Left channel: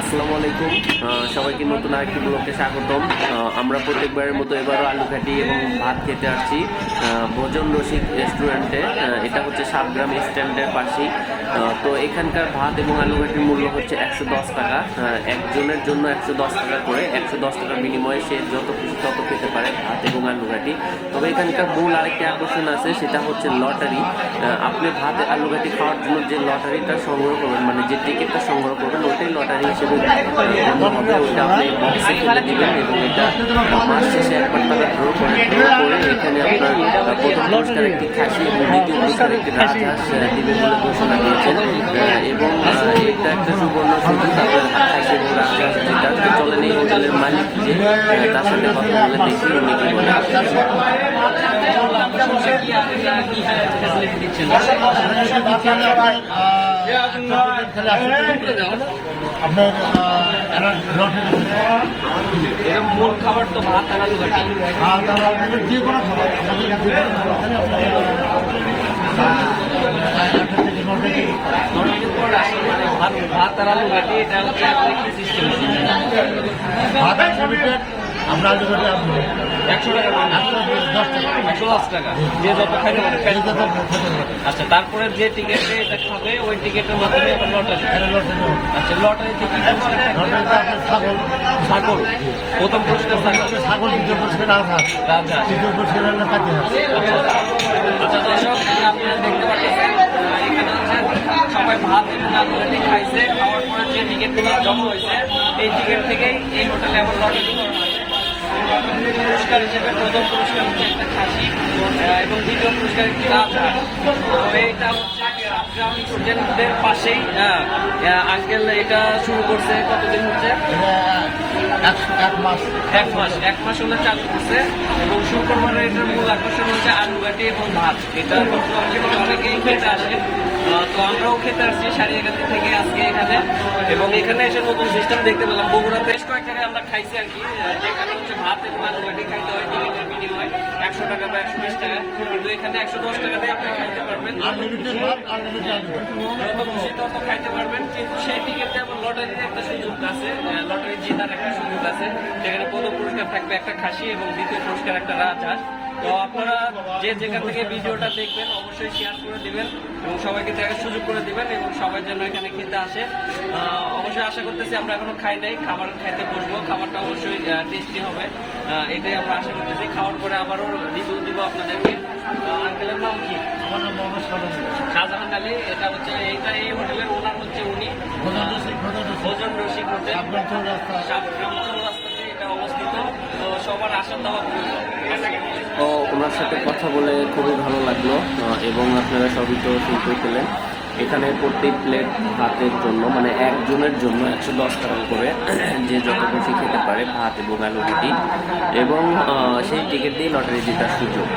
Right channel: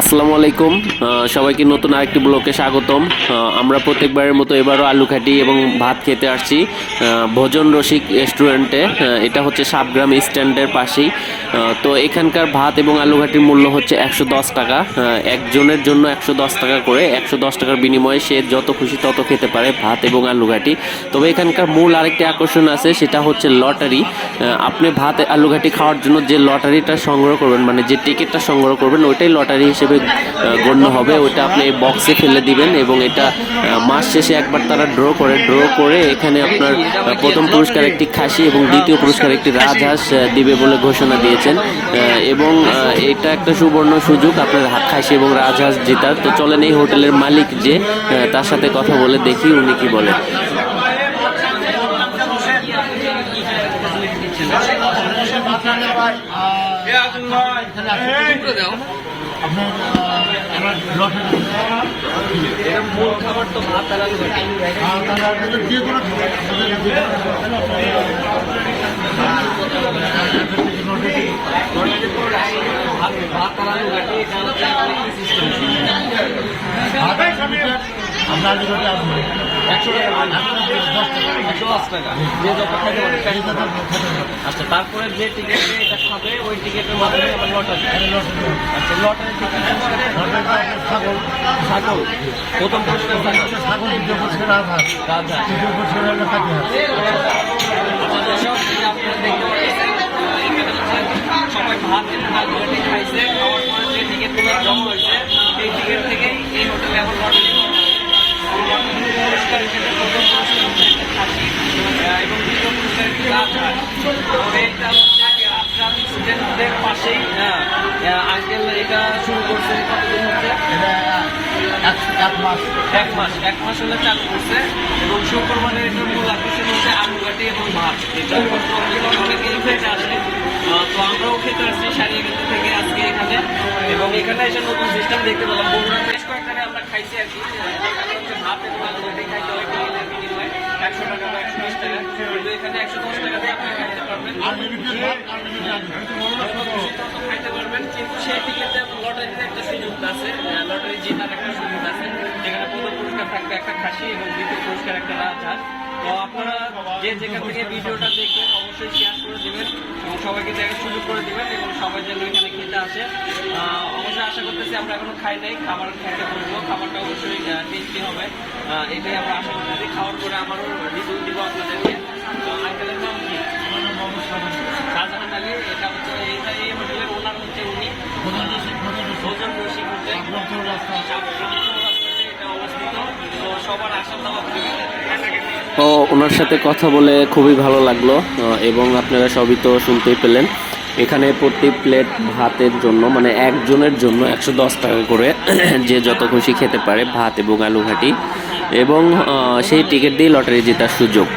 আসসালামু আলাইকুম। সবাইকে নতুন আরেকটি ব্লকে স্বাগতম। আমরা প্রত্যেকবারের মতো এবারও আলু খাটি এবং ভাত খেতে আসছি ভোজন রসিক রেস্টুরেন্টে। এটা হচ্ছে সাবগ্রাম স্ট্যান্ডের পাশেই। তো এখানকার ভাত এবং আলু ঘাটির মূল্য হচ্ছে একশো দশ টাকা। একজনের জন্য একশো দশ টাকা করে, একশো দশ টাকার বিনিময়ে সে যত খুশি তত খেতে পারে ভাত এবং আলু ঘাটি তবে এখানকার মূল আরেকটি আকর্ষণ আছে, সেটা হচ্ছে লটারি। আপনি ভাত আলু ঘাটি খাওয়ার জন্য যে লটারিটা সংগ্রহ করবেন মানে যে টিকিটটা সংগ্রহ করবেন, ওইটাই লটারি হিসেবে আহ, গণ্য হবে ওইটা আপনি বক্সে ফেলে দিবেন এবং এটা মাস শেষে একবার তারা ড্র করে ড্র করে এখানে আপনার প্রথম পুরস্কার একটি খাসি এবং দ্বিতীয় পুরস্কার একটি রাজহাঁস দিবে বলে ঘোষণা দিয়েছেন। এবং এটা একটা সুবর্ণ সুযোগ আপনার খাসি এবং রাজহাঁস জেতার। তো চলেন এই হোটেলের মালিক যে তার সাথে কথা বলে দেখি উনি কি বলে আপনার এটা মূল খাবার তো ভাত আর আলু ঘাটি যে এটা হচ্ছে সিস্টেম আমরা যেটা আপনি একশো টাকা দশ টাকা। একশো দশ টাকা। যে যত খাইতে পারে আচ্ছা তারপরে যে টিকিট এটা খাবে ওই টিকিটের মাধ্যমে আবার লটারি আচ্ছা লটারি থেকে লটে আপনার ছাগল। ছাগল। প্রথম পুরস্কার ছাগল। দ্বিতীয় বছর আধার। রাজা তৃতীয় বছর হলে খাতে আচ্ছা দর্শক এই আপনারা দেখতে পাচ্ছেন সবাই ভাত খাইছে। খাওয়ার পরে যে টিকিটগুলো জমা হয়েছে এই টিকিট থেকেই এই হোটেলে এখন লটারি। পুরস্কার হিসেবে প্রথম পুরস্কার হচ্ছে একটা খাসি এবং দ্বিতীয় পুরস্কার একটি রাজা তবে এটা হচ্ছে স্টুডেন্টদের পাশেই হ্যাঁ আঙ্কেল এটা শুরু করছে কতদিন হচ্ছে? এক মাস। এক মাস এক মাস হলে চালু করছে এবং শুক্রবারে এটার মূল আকর্ষণ হচ্ছে আলু ঘাটি এবং ভাত। এটা অনেকেই খেতে আসে। তো আমরাও খেতে আসছি সারিয়াঘাটি থেকে আজকে এখানে। এবং এখানে এসে নতুন সিস্টেম দেখতে পেলাম। বগুড়া আমরা খাইছি আর কি। যেখানে হচ্ছে ভাত এবং খাইতে টিকিটের বিনিময়ে একশো টাকা বা একশো বিশ টাকা। একশো দশ টাকা দিয়ে একটা সুযোগ আছে লটারি একটা সুযোগ আছে পুরস্কার থাকবে একটা খাসি এবং পুরস্কার একটা তো আপনারা যে যেখান থেকে ভিডিওটা দেখবেন, অবশ্যই শেয়ার করে দিবেন এবং সবাইকে দেখার সুযোগ করে দিবেন। সবাই যেন এখানে খেতে আসে। অবশ্যই আশা করতেছি আমরা এখনও খাই নাই খাবার খেতে বলব খাবারটা অবশ্যই টেস্টি হবে। এটাই আমরা আশা করতেছি। খাওয়ার পরে আবারও রিভিউ দিব আপনাদেরকে। আঙ্কেলের নাম কি? শাহজাহান আলী। এটা হচ্ছে এইটা এই হোটেলের ওনার হচ্ছে উনি। ভোজন রসিক হোটেল। এটা অবস্থিত। তো সবার আসন দেওয়া ও ওনার সাথে কথা বলে খুবই ভালো লাগল। এবং আপনারা সবই তো শুনতেই পেলেন। এখানে প্রতি প্লেট ভাতের জন্য মানে একজনের জন্য একশো দশ টাকা করে যে যত খুশি খেতে পারে, ভাত এবং আলু ঘাটি এবং সেই টিকিট দিয়ে লটারি জেতার সুযোগ।